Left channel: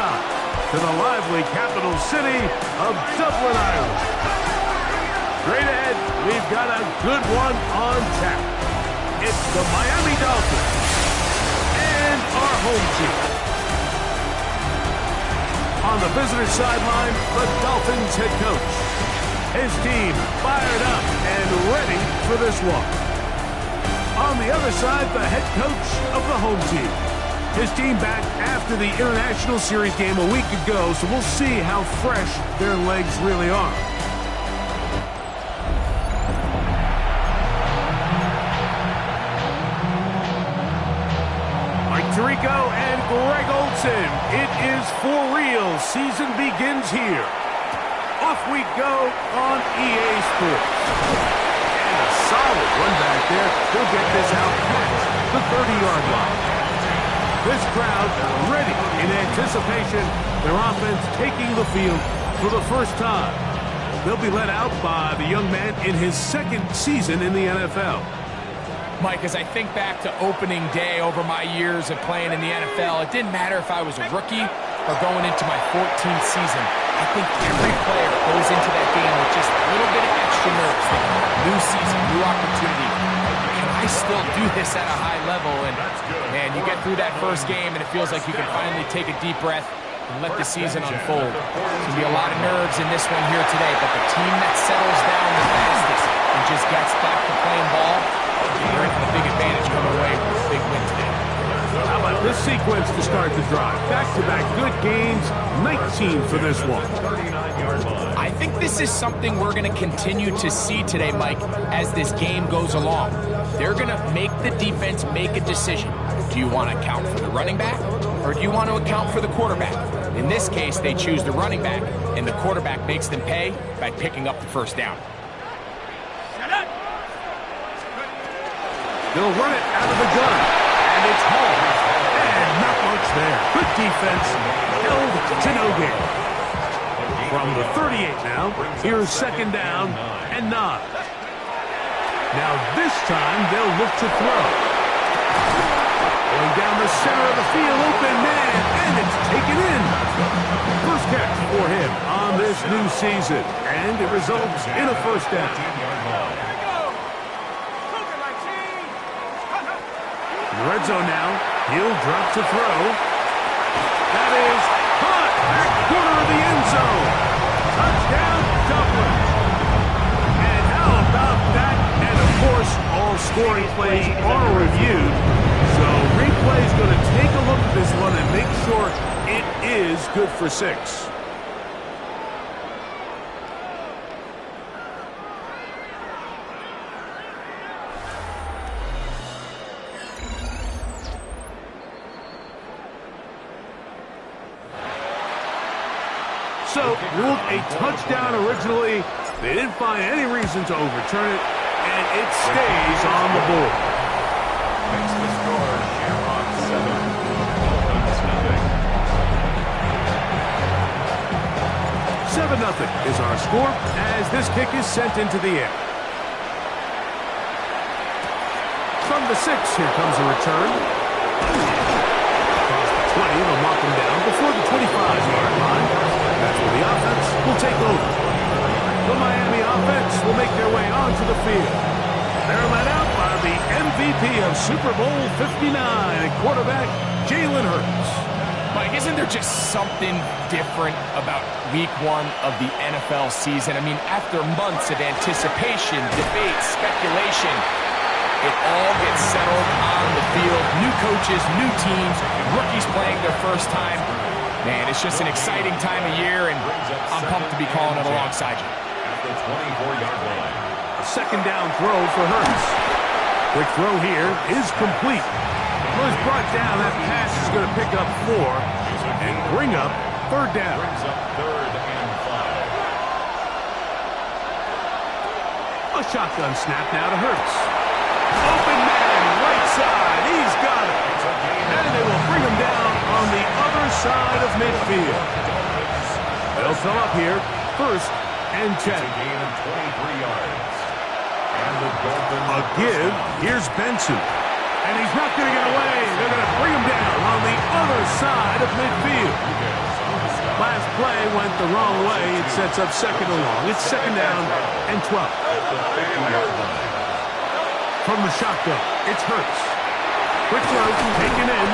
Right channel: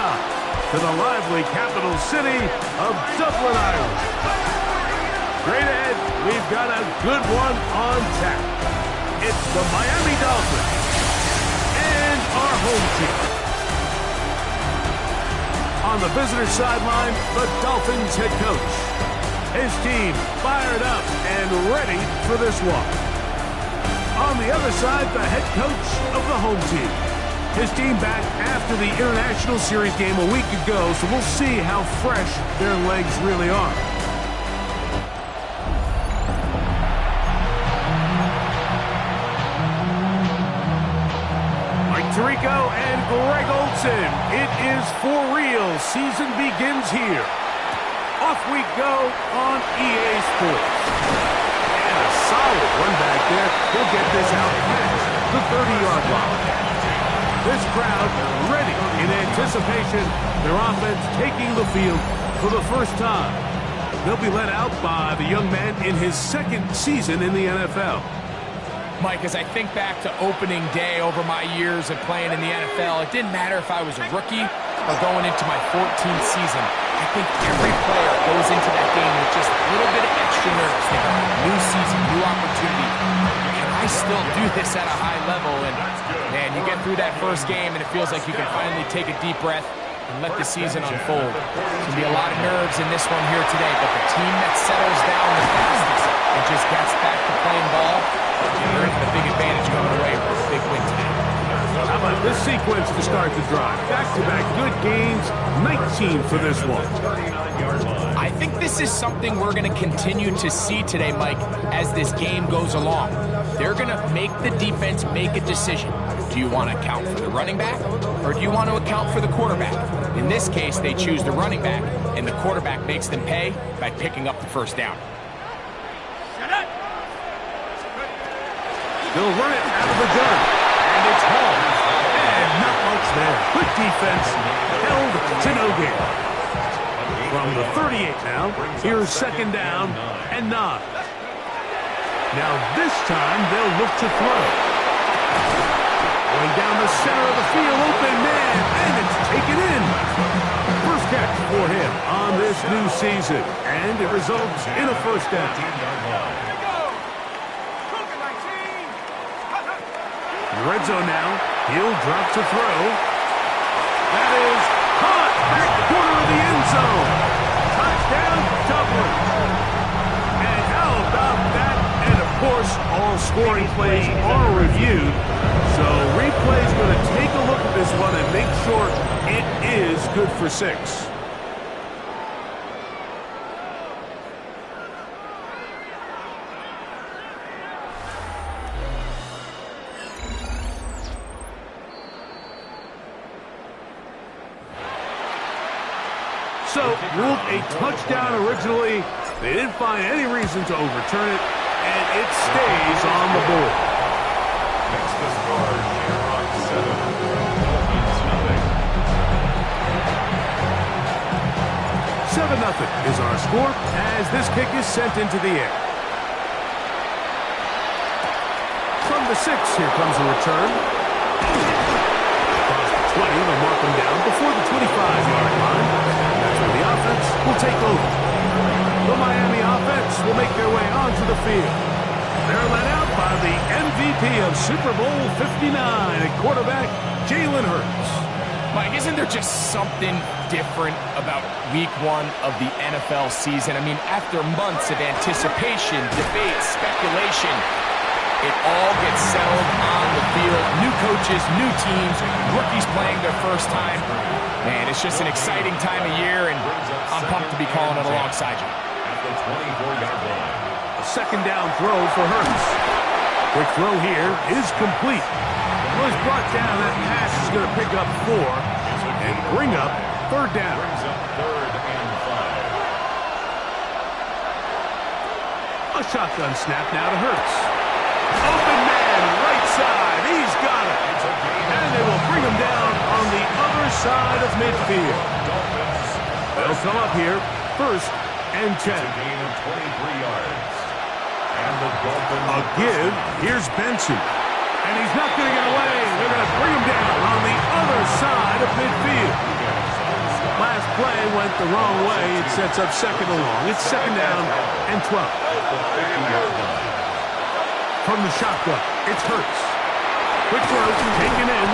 time to the lively capital city of Dublin, Ireland. Straight ahead, we've got a good one on tap. It's the Miami Dolphins and our home team. On the visitor sideline, the Dolphins head coach. His team fired up and ready for this one. On the other side, the head coach of the home team. His team back after the International Series game a week ago, so we'll see how fresh their legs really are. Mike Tirico and Greg Olsen. It is for real. Season begins here. Off we go on EA Sports. And a solid run back there. He'll get this out past the 30-yard line. This crowd ready in anticipation. Their offense taking the field for the first time. They'll be led out by the young man in his second season in the NFL. Mike, as I think back to opening day over my years of playing in the NFL, it didn't matter if I was a rookie or going into my 14th season. I think every player goes into that game with just a little bit of extra nerves. Thinking, new season, new opportunity. Can I still do this at a high level? And, man, you get through that first game, and it feels like you can finally take a deep breath and let the season unfold. There's going to be a lot of nerves in this one here today, but the team that settles down the fastest and just gets back to playing ball, they're going to have a big advantage coming away with a big win today. How about this sequence to start the drive? Back-to-back good gains, 19 for this one. I think this is something we're going to continue to see today, Mike, as this game goes along. They're going to make the defense make a decision. Do you want to account for the running back, or do you want to account for the quarterback? In this case, they choose the running back, and the quarterback makes them pay by picking up the first down. They'll run it out of the gun, and it's home. And not much there. Good defense, held to no gain. From the 38 now, here's second down and 9. Now this time, they'll look to throw. Going down the center of the field, open man, and it's taken in. First catch for him on this new season, and it results in a first down. In the red zone now, he'll drop to throw. That is caught, back corner of the end zone. Touchdown, Dublin. And how about that? And of course, all scoring plays are reviewed. So replay's going to take a look at this one and make sure it is good for 6. So, ruled a touchdown originally. They didn't find any reason to overturn it, and it stays on the board. Makes the score Shamrocks 7, Dolphins 0. 7-0 is our score as this kick is sent into the air. From the 6, here comes a return. Across the 20, they'll mark him down before the 25-yard line. That's where the offense will take over. The Miami offense will make their way onto the field. They're led out by the MVP of Super Bowl 59 at quarterback, Jalen Hurts. Mike, isn't there just something different about week 1 of the NFL season? I mean, after months of anticipation, debate, speculation, it all gets settled on the field. New coaches, new teams, rookies playing their first time. Man, it's just an exciting time of year, and I'm pumped to be calling it alongside you. At the 24-yard line. A second down throw for Hurts. Quick throw here is complete. Well, it's brought down. That pass is going to pick up 4 and bring up third down. Brings up 3rd and 5. A shotgun snap now to Hurts. Open man, right side. He's got it. And they will bring him down on the other side of midfield. They'll come up here, 1st and 10. It's a gain of 23 yards. And the Dolphins. A give. Here's Benson. And he's not going to get away. They're going to bring him down on the other side of midfield. play went the wrong way. It sets up second and long. It's second down and 12. From the shotgun, it's Hurts. Quick throw, taken in.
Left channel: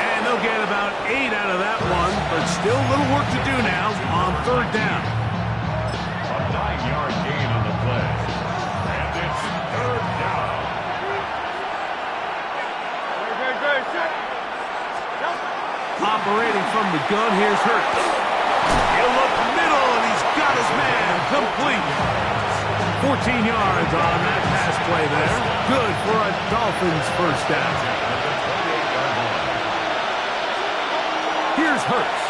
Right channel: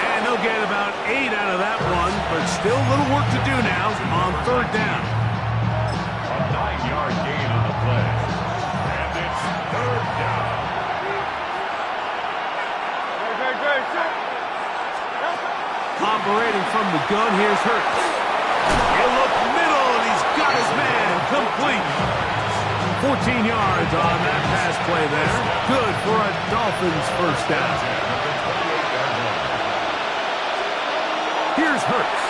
And they'll get about 8 out of that one, but still a little work to do now on third down. A 9-yard gain on the play. And it's third down. Operating from the gun, here's Hurts. He'll look middle, and he's got his man complete. 14 yards on that pass play there. Good for a Dolphins first down. Here's Hurts.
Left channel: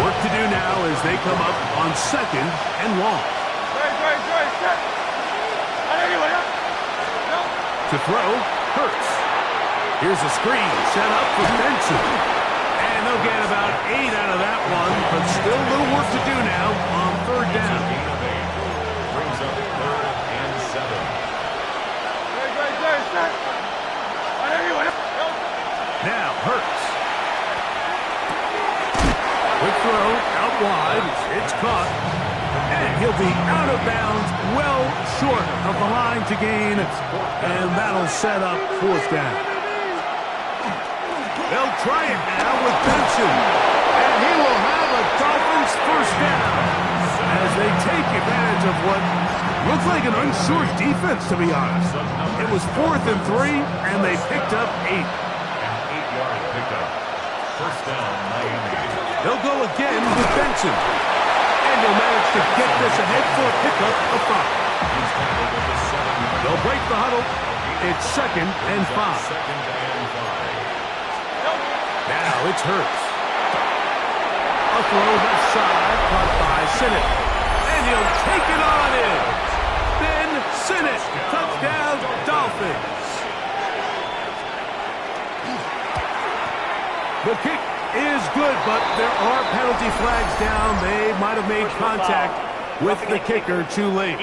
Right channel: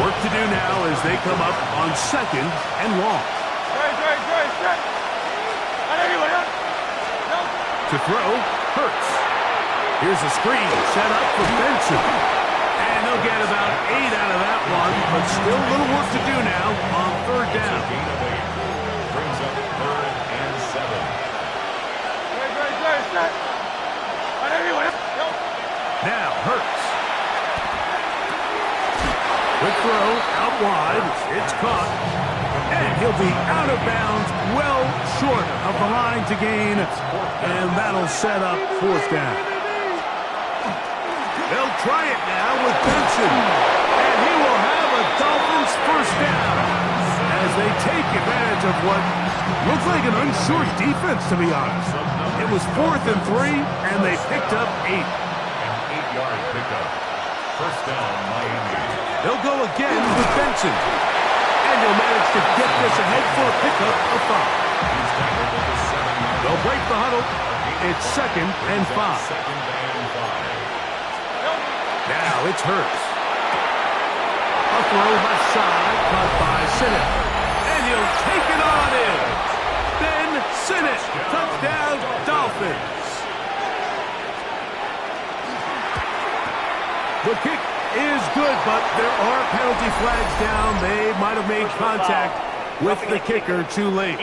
Work to do now as they come up on second and long. To throw, Hurts. Here's a screen set up for Benson. And they'll get about 8 out of that one, but still a little work to do now on third down. Gain of 8. Brings up third and 7. Now Hurts. Quick throw out wide. It's caught. And he'll be out of bounds, well short of the line to gain. And that'll set up fourth down. They'll try it now with Benson. And he will have a Dolphins first down as they take advantage of what looks like an unsure defense, to be honest. It was 4th and 3, and they picked up 8. An 8-yard pickup. First down, Miami. They'll go again with Benson. And he'll manage to get this ahead for a pickup of 5. He's tackled at the 7-yard. They'll break the huddle. It's second and 5. Second and 5. Now it's Hurts. A throw left side, caught by Sinnott. And he'll take it on in. Ben Sinnott, touchdown Dolphins. The kick is good, but there are penalty flags down. They might have made contact with the kicker too late.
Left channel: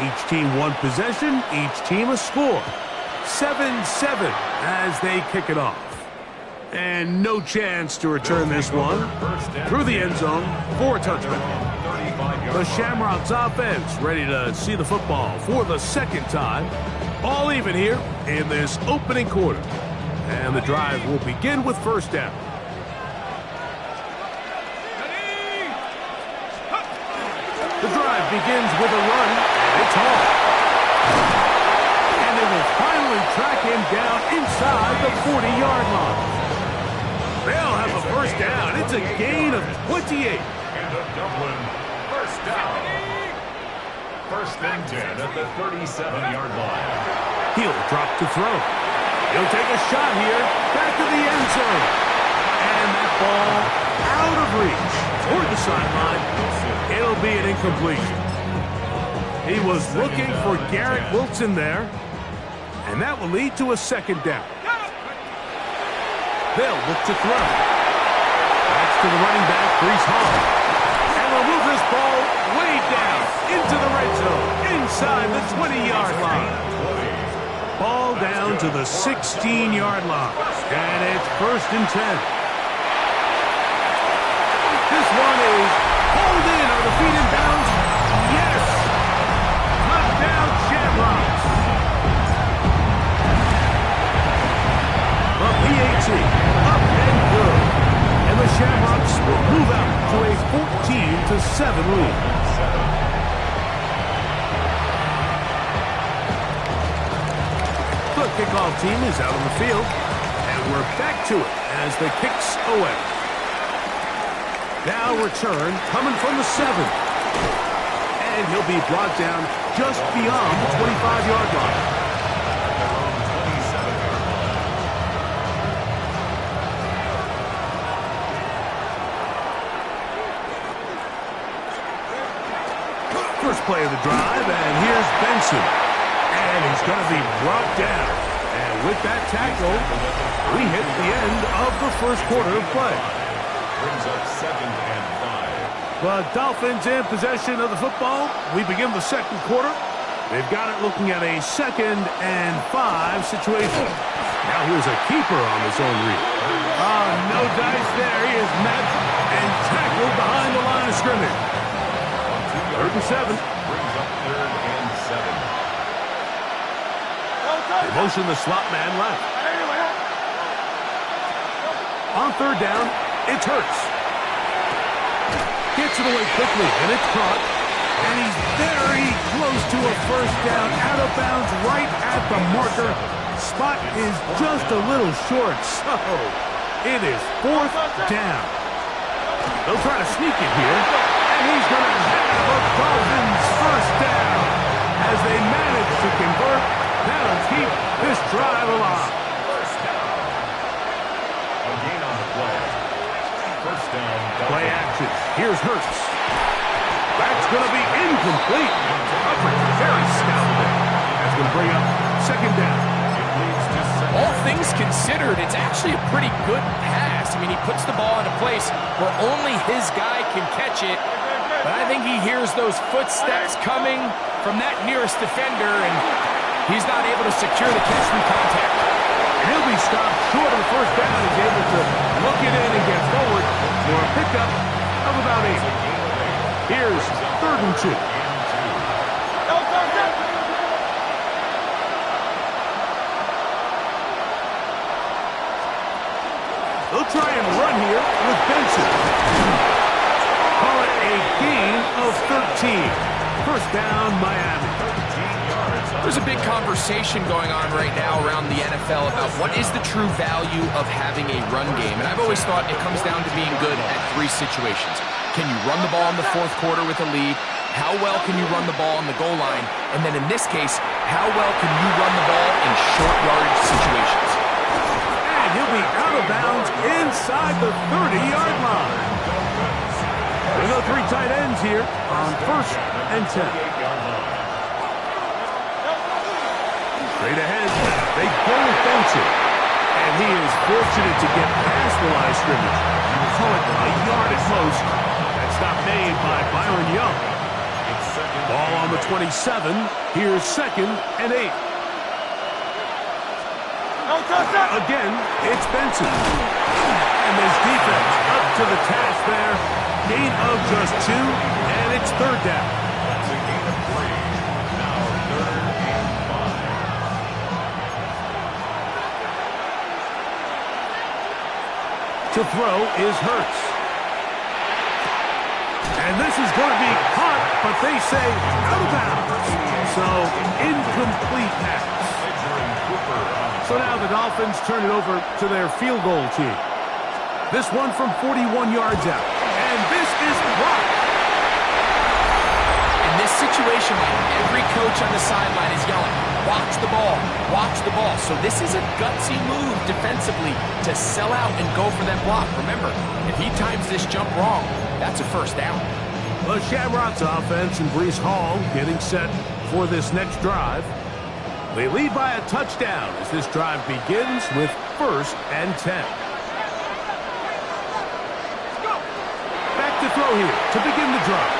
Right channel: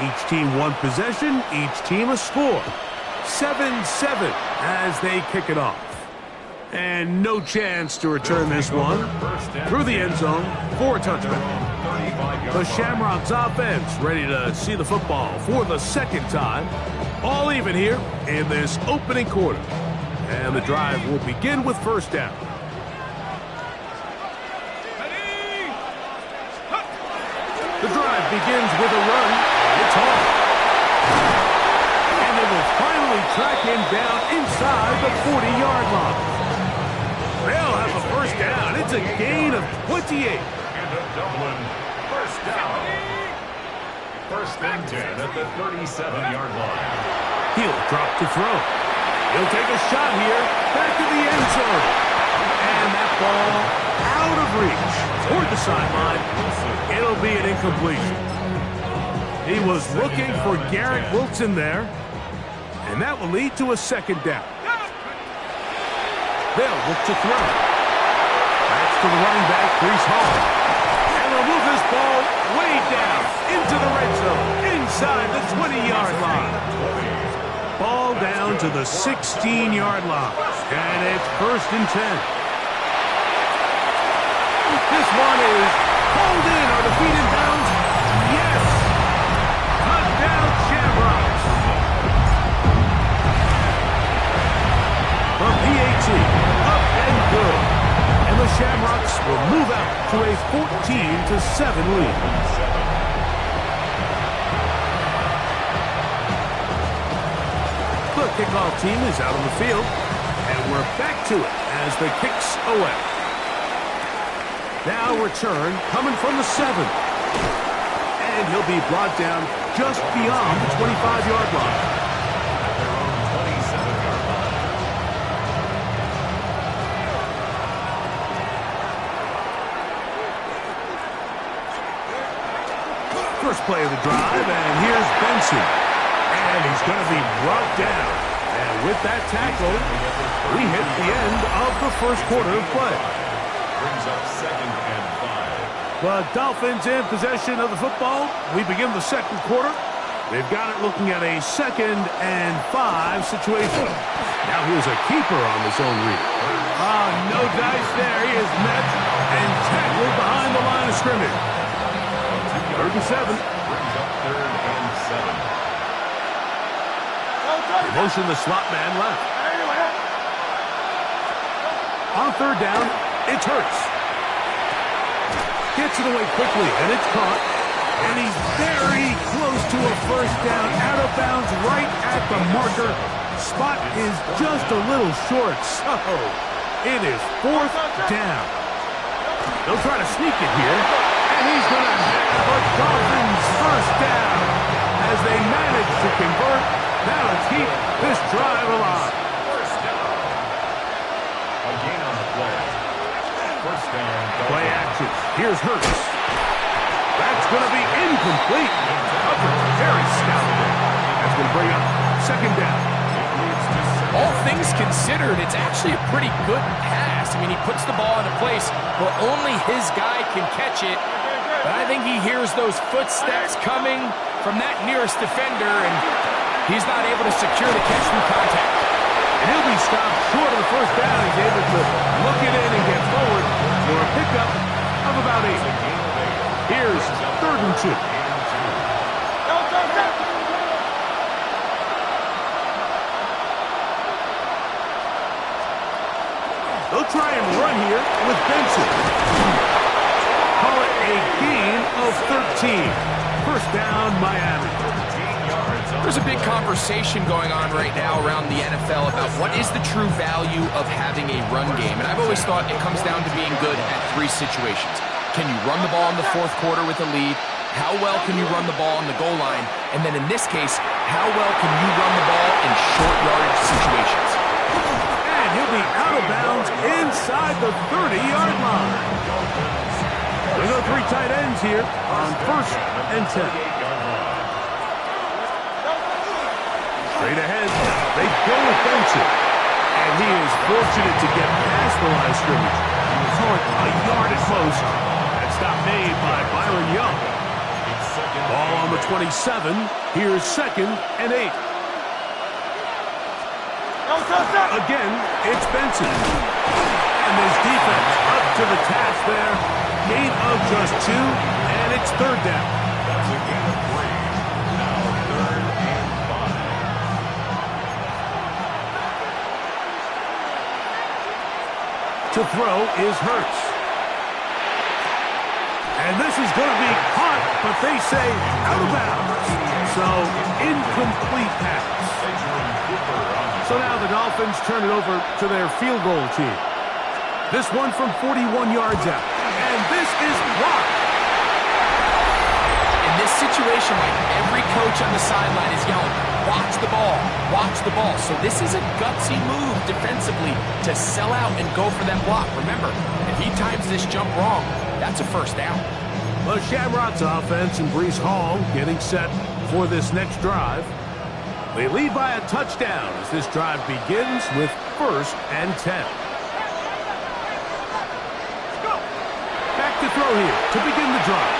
Each team one possession, each team a score. 7-7 as they kick it off. And no chance to return this one through the end zone for a touchdown. The Shamrocks offense ready to see the football for the second time. All even here in this opening quarter. And the drive will begin with first down. The drive begins with a run, and it's off. And they will finally track him down inside the 40-yard line. They'll have a first down. It's a gain of 28. Into Dublin, first down. First and 10 at the 37-yard line. He'll drop to throw. He'll take a shot here, back of the end zone. And that ball out of reach toward the sideline. It'll be an incompletion. He was looking for Garrett Wilson there, and that will lead to a second down. They'll look to throw. That's to the running back, Breece Hall. And they'll move this ball way down into the red zone, inside the 20-yard line. Ball down to the 16-yard line, and it's first and 10. This one is hauled in. Are the feet in bounds? Yes! Touchdown, Shamrocks. From PAT, up and good. And the Shamrocks will move out to a 14-7 lead. The kickoff team is out on the field, and we're back to it as the kick's away. Now return coming from the 7. And he'll be brought down just beyond the 25-yard line. At their own 27-yard line. First play of the drive, and here's Benson. And he's going to be brought down. And with that tackle, we hit the end of the first quarter of play. Brings up second and 5. The Dolphins in possession of the football. We begin the second quarter. They've got it looking at a 2nd and 5 situation. Now here's a keeper on the zone read. Oh, no dice there. He is met and tackled behind the line of scrimmage. 3rd and 7. Brings up 3rd and 7. They motion the slot man left. On 3rd down, it's Hurts. Gets it away quickly, and it's caught. And he's very close to a 1st down, out of bounds, right at the marker. Spot is just a little short, so it is 4th down. They'll try to sneak it here, and he's going to have a Dolphins 1st down as they manage to convert. That'll keep this drive alive. 1st down. A gain on the play. 1st down. Play action. Here's Hurts. That's going to be incomplete. Coverage very stout there. That's going to bring up 2nd down. It leads to 2nd. All things considered, it's actually a pretty good pass. I mean, he puts the ball in a place where only his guy can catch it. But I think he hears those footsteps coming from that nearest defender, and he's not able to secure the catch through contact. And he'll be stopped short of the 1st down. He's able to look it in and get forward for a pickup of about 8. Here's 3rd and 2. They'll try and run here with Benson. Call it a gain of 13. 1st down, Miami. 13 yards. There's a big conversation going on right now around the NFL about what is the true value of having a run game. And I've always thought it comes down to being good at 3 situations. Can you run the ball in the 4th quarter with a lead? How well can you run the ball on the goal line? And then in this case, how well can you run the ball in short yardage situations? And he'll be out of bounds inside the 30-yard line. We go 3 tight ends here on 1st and 10. Straight ahead, they go with Benson. And he is fortunate to get past the line of scrimmage. You would call it a yard at most. That stop made by Byron Young. Ball on the 27. Here's 2nd and 8. Again, it's Benson. And this defense up to the task there. Gain of just 2, and it's 3rd down. That's a gain of 3. Now 3rd and 5. To throw is Hurts. And this is going to be caught, but they say out of bounds. So, incomplete pass. So now the Dolphins turn it over to their field goal team. This one from 41 yards out. And this is blocked. In this situation, like every coach on the sideline is yelling, watch the ball, watch the ball. So this is a gutsy move defensively to sell out and go for that block. Remember, if he times this jump wrong, that's a 1st down. The Shamrocks offense and Breece Hall getting set for this next drive. They lead by a touchdown as this drive begins with 1st and 10. Back to throw here to begin the drive.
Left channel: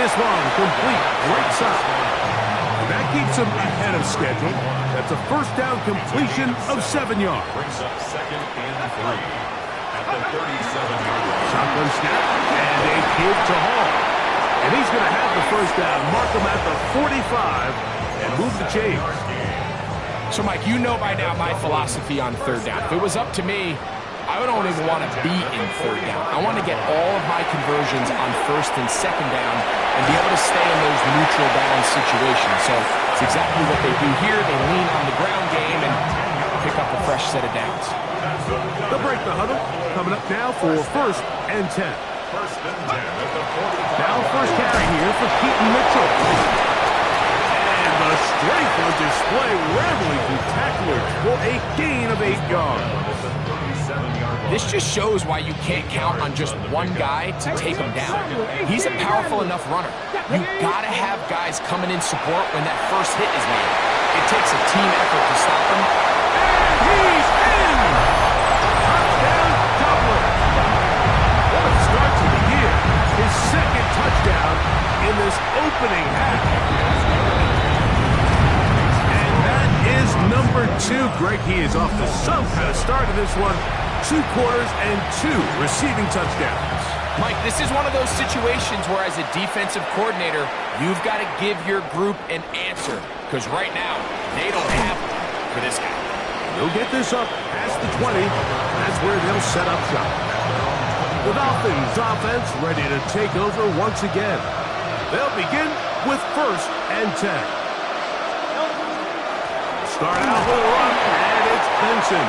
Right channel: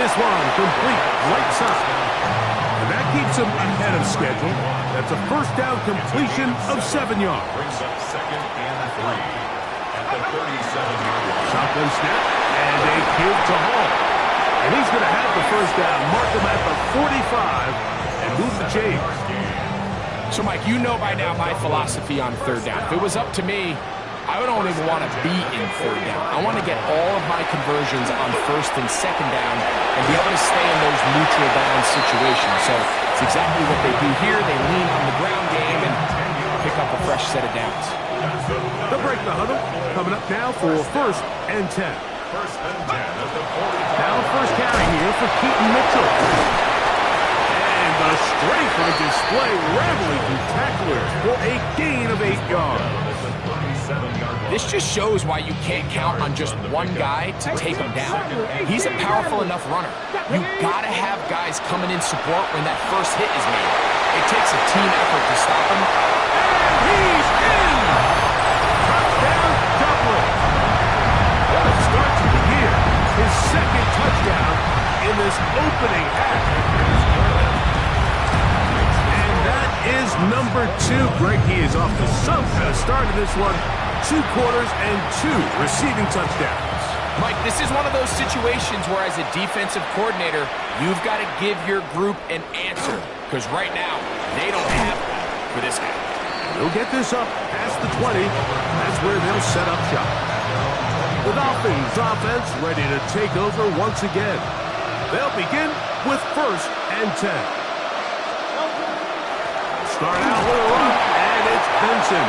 This one complete right side. And that keeps him ahead of schedule. That's a 1st down completion of 7 yards. Brings up 2nd and 3 at the 37-yard line. Shotgun snap and a give to Hall. And he's going to have the 1st down. Mark him at the 45 and move the chains. So, Mike, you know by now my philosophy on 3rd down. If it was up to me, I don't even want to be in 3rd down. I want to get all of my conversions on 1st and 2nd down and be able to stay in those neutral down situations. So it's exactly what they do here. They lean on the ground game and pick up a fresh set of downs. They'll break the huddle. Coming up now for 1st and 10. 1st and 10 at the 45. Now 1st carry here for Keaton Mitchell. And the strength on display, rambling through tacklers for a gain of 8 yards. This just shows why you can't count on just one guy to take him down. He's a powerful enough runner. You gotta have guys coming in support when that 1st hit is made. It takes a team effort to stop him. And he's in! Touchdown, Dublin. What a start to the year. touchdown in this opening half. And that is number 2. Greg, he is off to some kind of start in this one. 2 quarters and 2 receiving touchdowns. Mike, this is one of those situations where as a defensive coordinator, you've got to give your group an answer. Because right now, they don't have one for this guy. They'll get this up past the 20. That's where they'll set up shop. The Dolphins offense ready to take over once again. They'll begin with 1st and 10. Start out with a run, and it's Benson.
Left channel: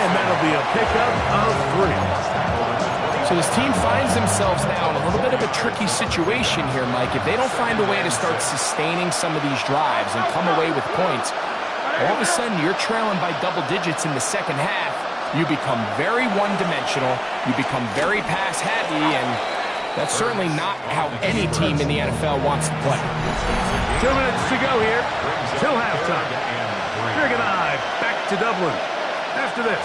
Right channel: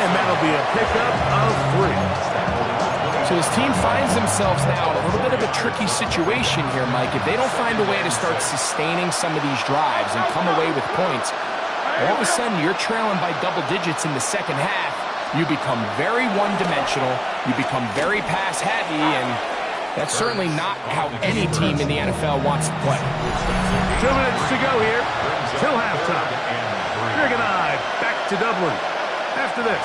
And that'll be a pickup of 3. So this team finds themselves now in a little bit of a tricky situation here, Mike. If they don't find a way to start sustaining some of these drives and come away with points, all of a sudden you're trailing by double digits in the second half. You become very one-dimensional. You become very pass-heavy, and that's certainly not how any team in the NFL wants to play. 2 minutes to go here till halftime. Greg and I back to Dublin after this.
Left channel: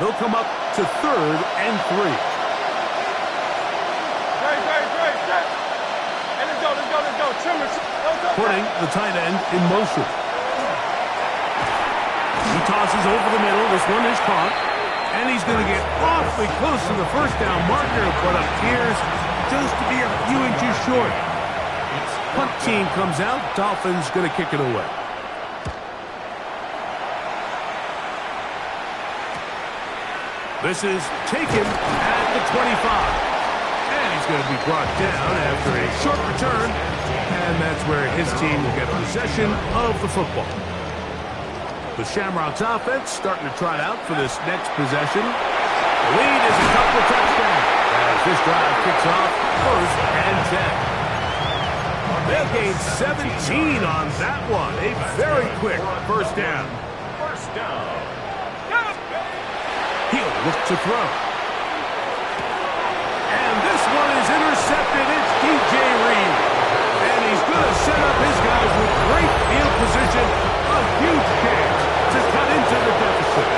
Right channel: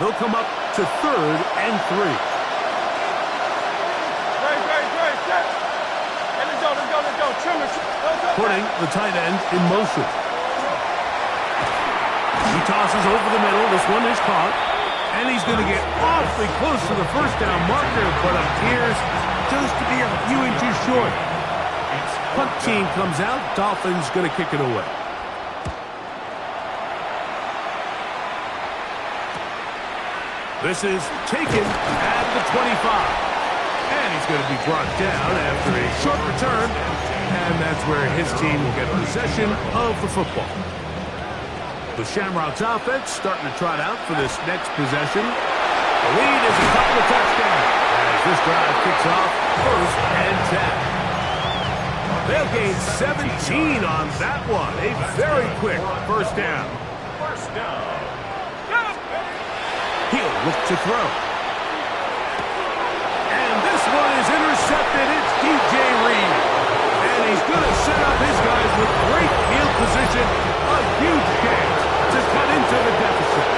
They'll come up to 3rd and 3. Let's go. Putting the tight end in motion. He tosses over the middle. This one is caught. And he's going to get awfully close to the first down marker, but appears just to be a few inches short. Punt team comes out. Dolphins going to kick it away. This is taken at the 25. And he's going to be brought down after a short return. And that's where his team will get possession of the football. The Shamrocks offense starting to trot out for this next possession. The lead is a couple of touchdowns as this drive kicks off 1st and 10. They'll gain 17 on that one. A very quick first down. First down. He'll look to throw. And this one is intercepted. It's DJ Reed. And he's going to set up his guys with great field position. A huge chance to cut into the deficit.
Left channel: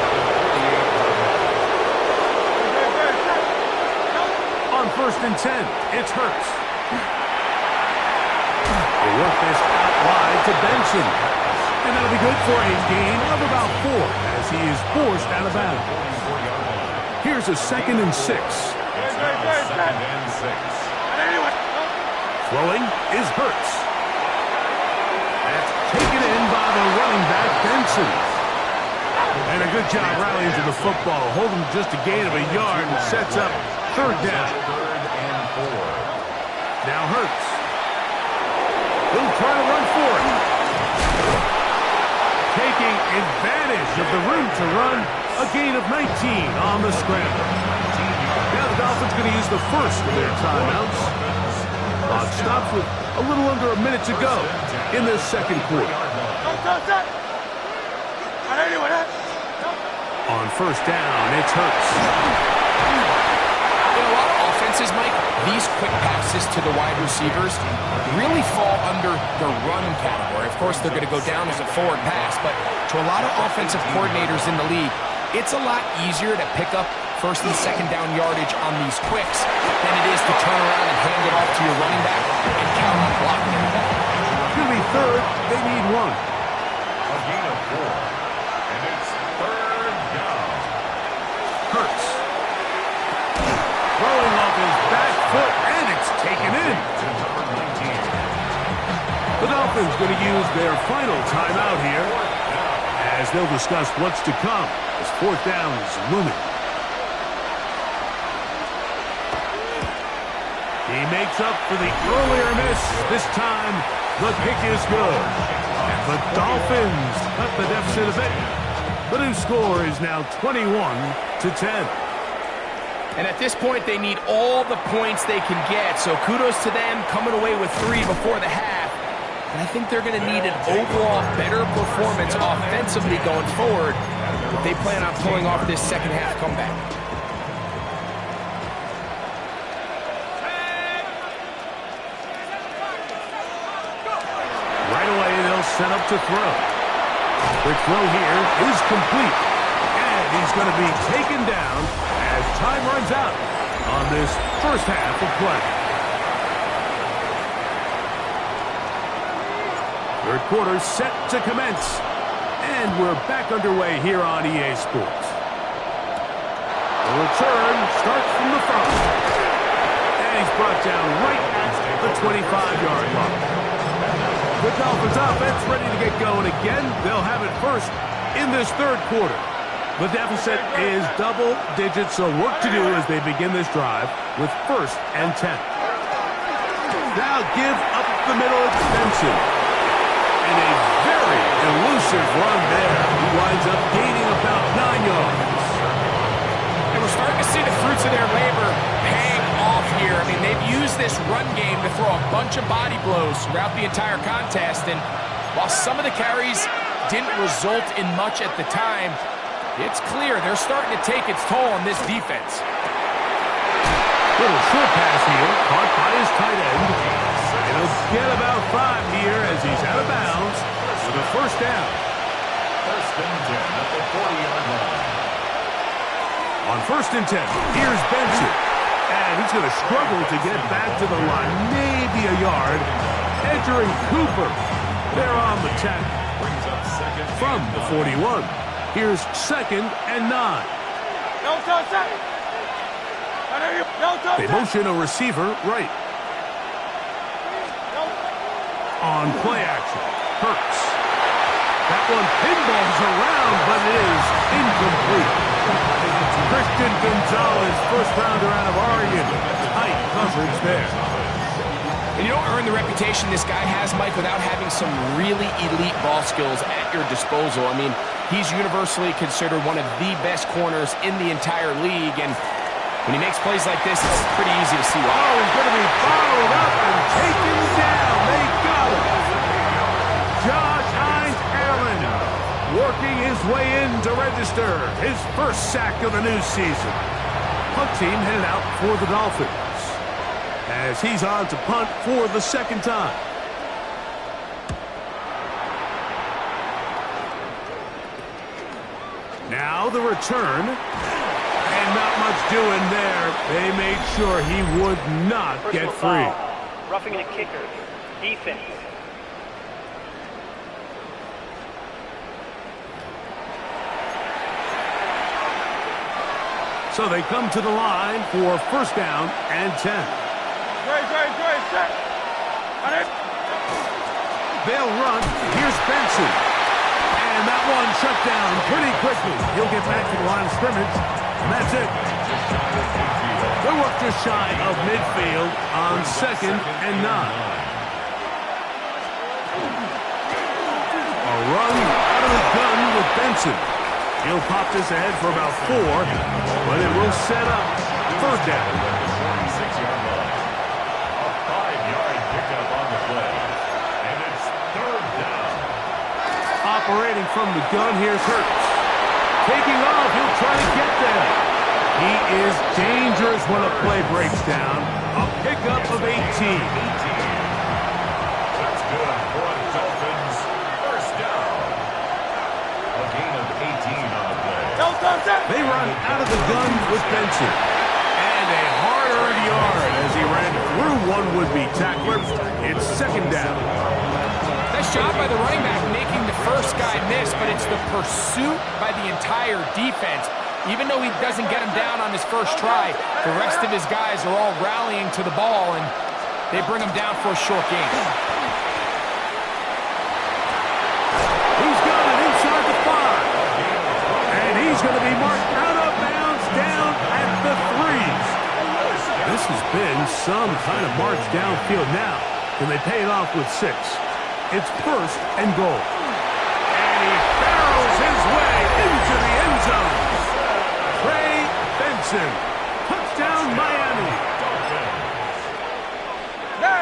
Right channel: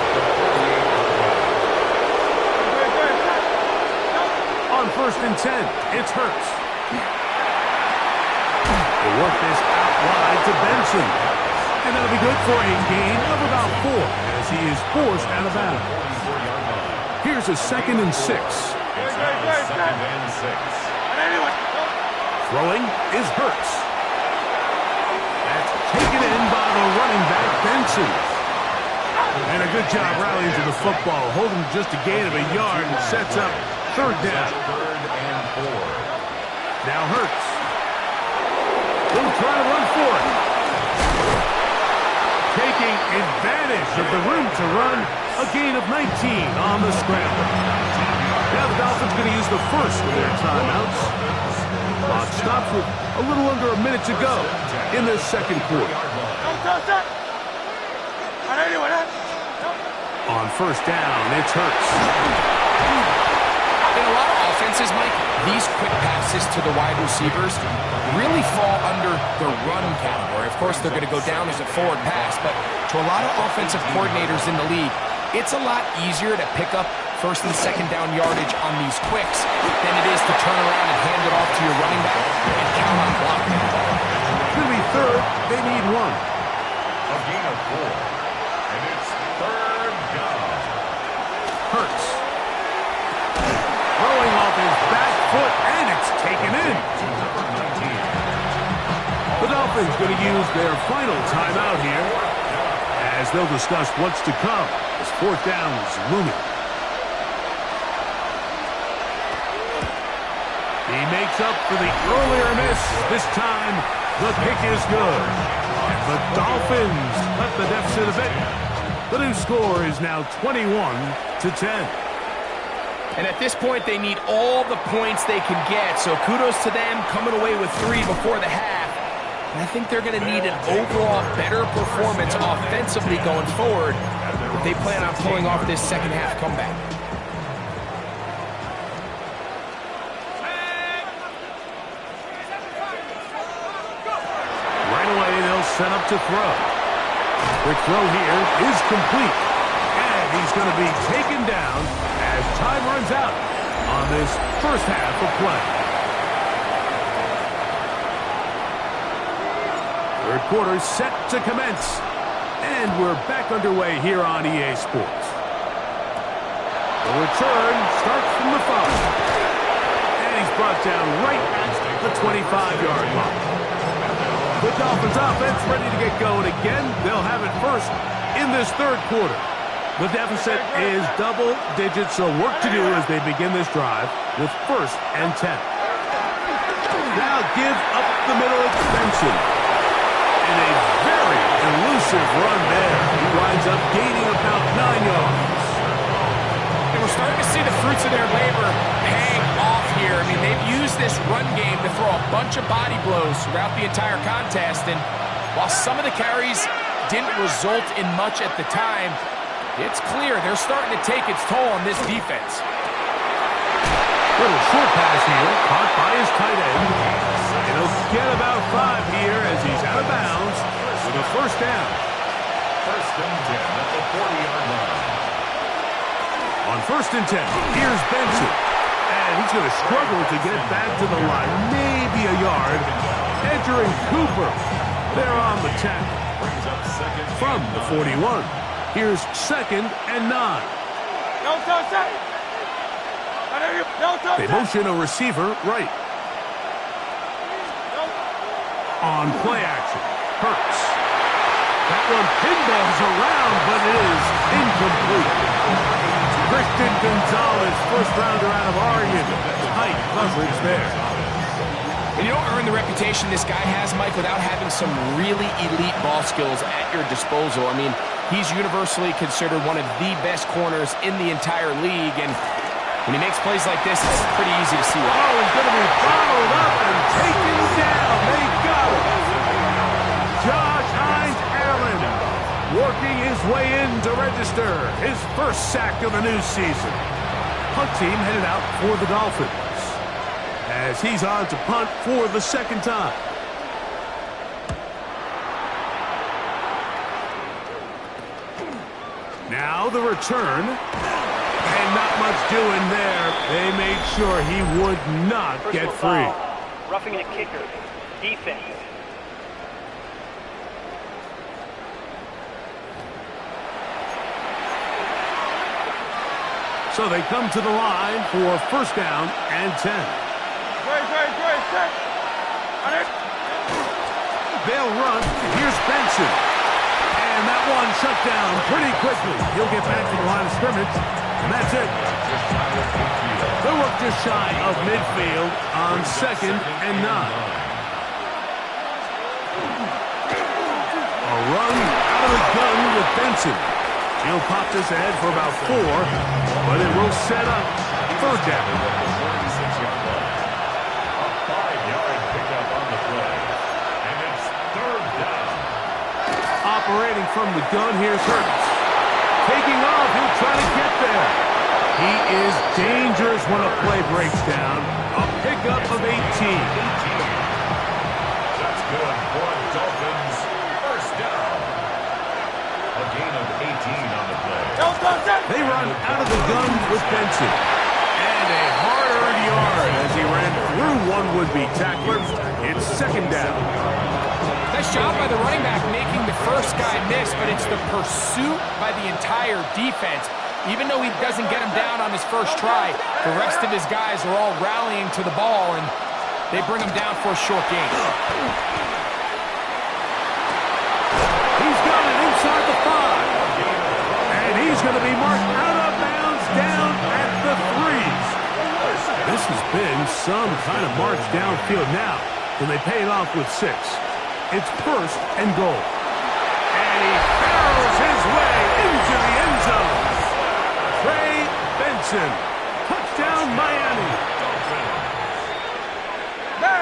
On 1st and 10, it's Hurts. They work this out wide to Benson. And that'll be good for a gain of about 4 as he is forced out of bounds. Here's a 2nd and 6. Second and 6. Throwing is Hurts. That's taken in by the running back, Benson. And a good job rallying to the football. Holding just a gain of a yard and sets up 3rd down. 3rd and 4. Now Hurts. He'll try to run for it. Taking advantage of the room to run. A gain of 19 on the scramble. Now the Dolphins going to use the first of their timeouts. Clock stops with a little under a minute to go in this second quarter. On 1st down, it's Hurts. In a lot of offenses, Mike, these quick passes to the wide receivers really fall under the run category. Of course, they're going to go down as a forward pass, but to a lot of offensive coordinators in the league, it's a lot easier to pick up 1st and 2nd down yardage on these quicks than it is to turn around and hand it off to your running back and count on blocking it. It's going to be 3rd. They need 1. A gain of 4. And it's 3rd down. Hurts. Throwing off his back foot, and it's taken in. To number 19. The Dolphins going to use their final timeout here as they'll discuss what's to come as 4th down is looming. He makes up for the earlier miss. This time, the kick is good. And the Dolphins cut the deficit a bit. The new score is now 21-10. And at this point, they need all the points they can get. So kudos to them coming away with 3 before the half. And I think they're going to need an overall better performance offensively going forward if they plan on pulling off this second half comeback. Right away, they'll set up to throw. Quick throw here is complete. And he's going to be taken down as time runs out on this first half of play. Third quarter set to commence. And we're back underway here on EA Sports. The return starts from the front. And he's brought down right at the 25-yard line. The Dolphins offense ready to get going again. They'll have it first in this third quarter. The deficit is double digits, so work to do as they begin this drive with 1st and 10. Now give up the middle at Benson. And a very elusive run there. He winds up gaining about 9 yards. And we're starting to see the fruits of their labor paying off here. I mean, they've used this run game to throw a bunch of body blows throughout the entire contest. And while some of the carries didn't result in much at the time, it's clear they're starting to take its toll on this defense. Little short pass here, caught by his tight end. And he'll get about 5 here as he's out of bounds with a first down. 1st and 10 at the 40-yard line. On 1st and 10, here's Benson. And he's going to struggle to get back to the line, maybe a yard. Edger and Cooper, they're on the tackle. From the 41, here's 2nd and 9. They motion a receiver right. On play action, Hurts. That one pinballs around, but it is incomplete. Christian Gonzalez, first rounder out of Oregon. Tight coverage there. And you don't earn the reputation this guy has, Mike, without having some really elite ball skills at your disposal. I mean, he's universally considered one of the best corners in the entire league, and when he makes plays like this, it's pretty easy to see why. Oh, he's going to be bottled up and taken down. They got him. Josh Hines-Allen working his way in to register his first sack of the new season. Punt team headed out for the Dolphins as he's on to punt for the 2nd time. Now the return. And not much doing there. They made sure he would not get free. Roughing the kicker. Defense. So they come to the line for 1st down and 10. They'll run. Here's Benson. And that one shut down pretty quickly. He'll get back to the line of scrimmage. And that's it. They work just shy of midfield on 2nd and 9. A run out of the gun with Benson. He'll pop this ahead for about 4, but it will set up 3rd down. At the 46-yard line. A 5-yard pickup on the play. And it's 3rd down. Operating from the gun, here's Hurts. Taking off, he'll try to get there. He is dangerous when a play breaks down. A pickup of 18. That's good for a Dolphins 1st down. A gain of 18 on the play. They run out of the gun with Benson. And a hard-earned yard as he ran through one would-be tackler. It's 2nd down. Nice job by the running back making the first guy miss, but it's the pursuit by the entire defense. Even though he doesn't get him down on his first try, the rest of his guys are all rallying to the ball, and they bring him down for a short gain. He's got it inside the 5. And he's going to be marked out of bounds down at the 3. This has been some kind of march downfield now. Can they pay it off with 6? It's 1st and goal. And he barrels his way into the end zone. Trey Benson. Touchdown, Miami.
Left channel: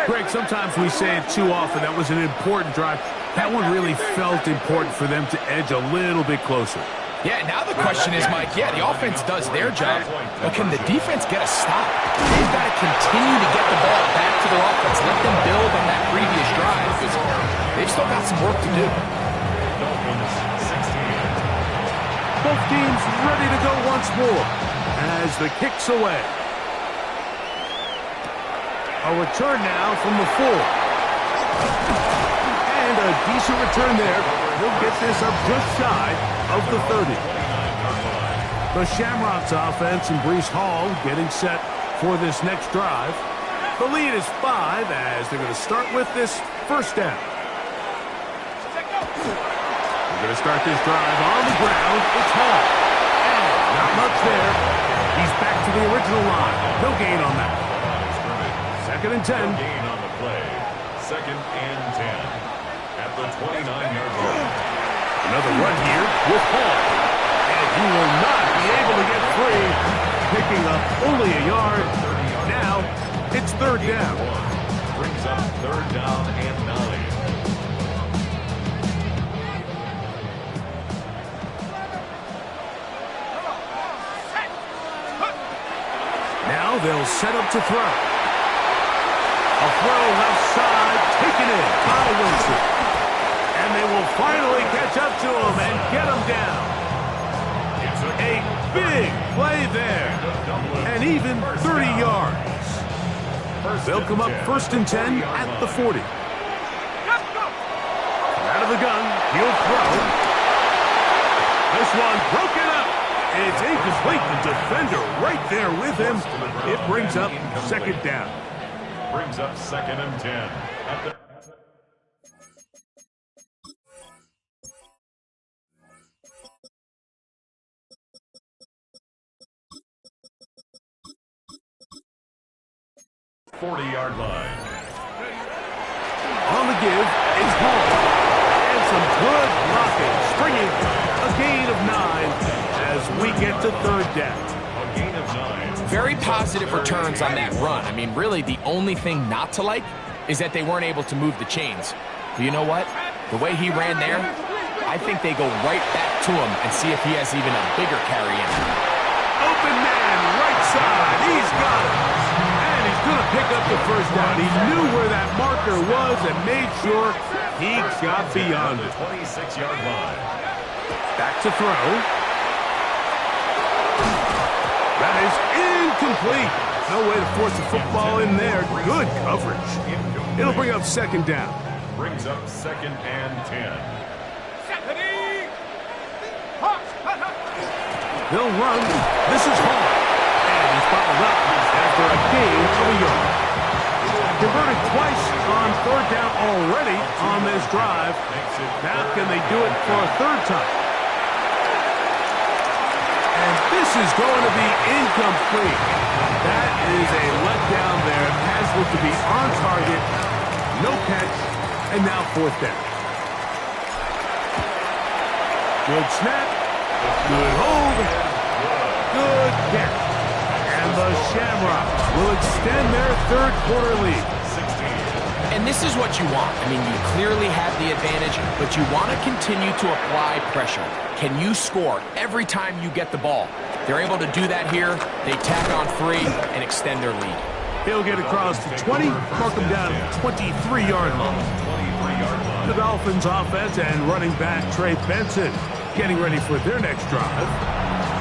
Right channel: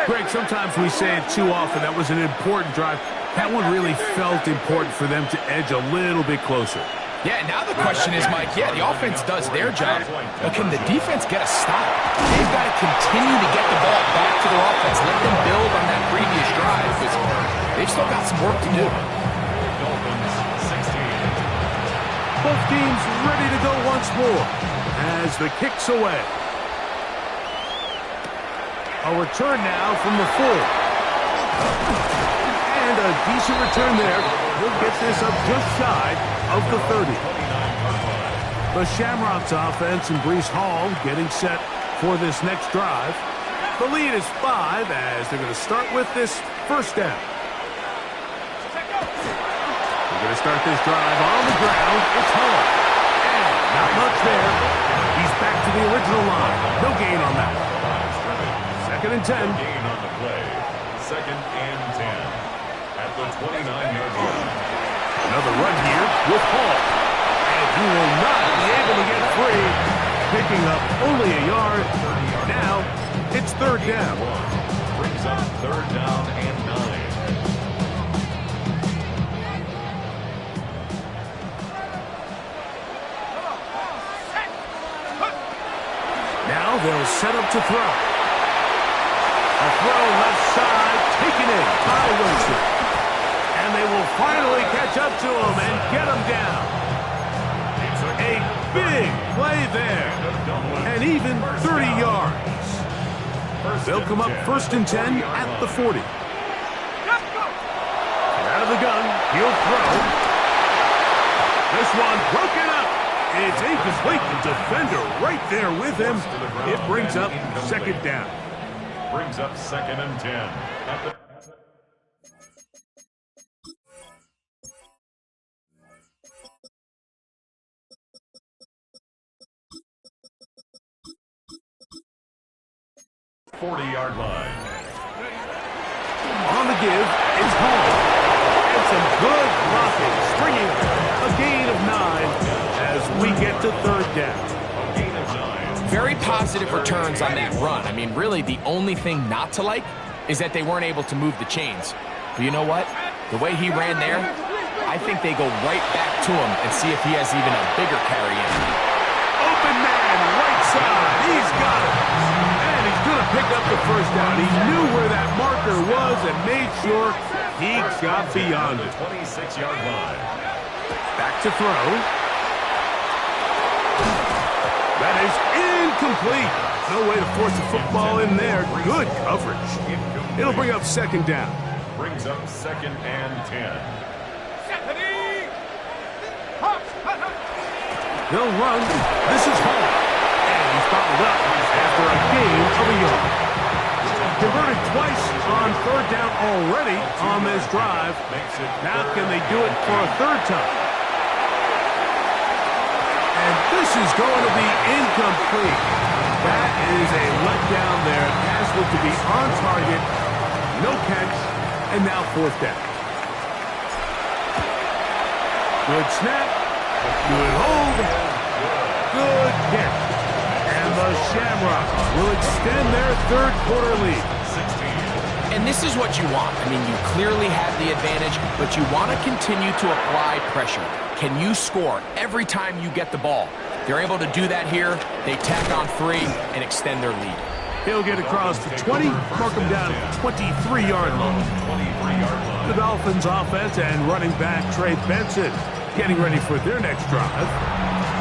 Greg, sometimes we say it too often. That was an important drive. That one really felt important for them to edge a little bit closer. Yeah, now the question is, Mike, yeah, the offense does their job, but can the defense get a stop? They've got to continue to get the ball back to their offense. Let them build on that previous drive, because they've still got some work to do. Dolphins 16. Both teams ready to go once more as the kick's away. A return now from the 4. And a decent return there. He'll get this up just shy of the 30. 29-yard line. The Shamrocks offense and Breece Hall getting set for this next drive. The lead is 5 as they're going to start with this first down. We're going to start this drive on the ground. It's Hall. And not much there. He's back to the original line. No gain on that. Second and 10. No gain on the play. Second and 10. At the 29-yard line. Another run here with Hall. And he will not be able to get free. Picking up only a yard. Now, it's third down. Brings up third down and 9. Now they'll set up to throw. A throw left side, taken in by Winston. And they will finally catch up to him and get him down. A big play there. And even 30 yards. They'll come up first and 10 at the 40. Out of the gun, he'll throw. This one broken up. It's incomplete. The defender right there with him. It brings up second down. Brings up second and 10. At the 40-yard line. On the give, it's Hall. And some good blocking. Springing a gain of 9 as we get to third down. A gain of 9. Very positive returns on that run. I mean, really, the only thing not to like is that they weren't able to move the chains. But you know what? The way he ran there, I think they go right back to him and see if he has even a bigger carry in. Open man, right side. He's got it. And he's going to pick up the first down. He knew where that marker was and made sure he got beyond it. 26-yard line. Back to throw. That is incomplete. No way to force the football in there. Good coverage. It'll bring up second down. Brings up second and 10. They'll run. This is Hall. And he's followed up after a gain of a yard. Converted twice on third down already on this drive. Now can they do it for a third time? And this is going to be incomplete. That is a letdown there. Pass looked to be on target. No catch. And now fourth down. Good snap. Good hold. Good catch. And the Shamrocks will extend their third quarter lead. 16. And this is what you want. I mean, you clearly have the advantage, but you want to continue to apply pressure. Can you score every time you get the ball? They're able to do that here. They tack on 3 and extend their lead. He'll get across the 20, mark him down at the 23-yard line. 23-yard line. The Dolphins offense and running back Trey Benson getting ready for their next drive.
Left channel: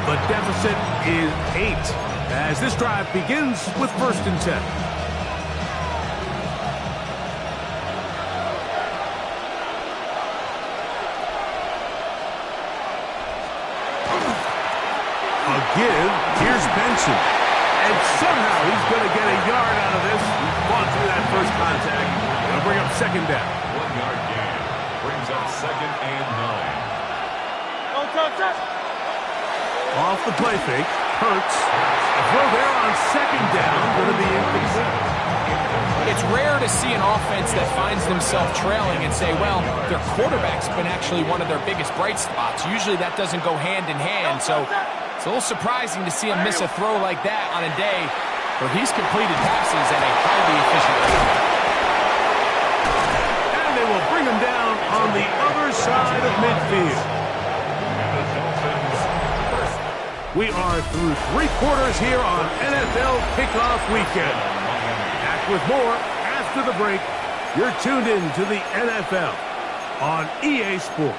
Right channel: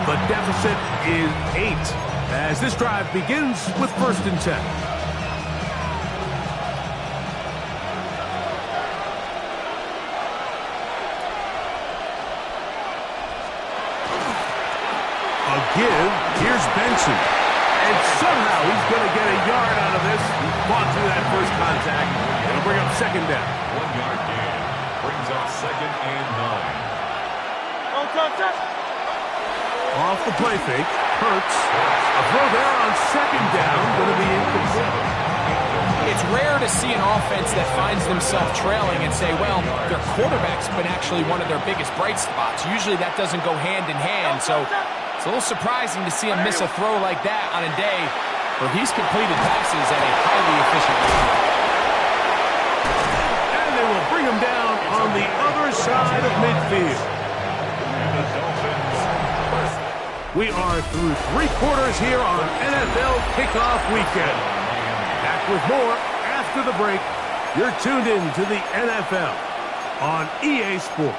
The deficit is 8 as this drive begins with first and 10. A give. Here's Benson. And somehow he's going to get a yard out of this. He fought through that first contact. It'll bring up second down. 1-yard gain. Brings up second and 9. Off the play fake. Hurts. A throw there on second down. Going to be incomplete. It's rare to see an offense that finds themselves trailing and say, well, their quarterback's been actually one of their biggest bright spots. Usually that doesn't go hand in hand, so it's a little surprising to see him miss a throw like that on a day where he's completed passes at a highly efficient rate. And they will bring him down on the other side of midfield. And the Dolphins first. We are through 3 quarters here on NFL Kickoff Weekend. Back with more after the break. You're tuned in to the NFL on EA Sports.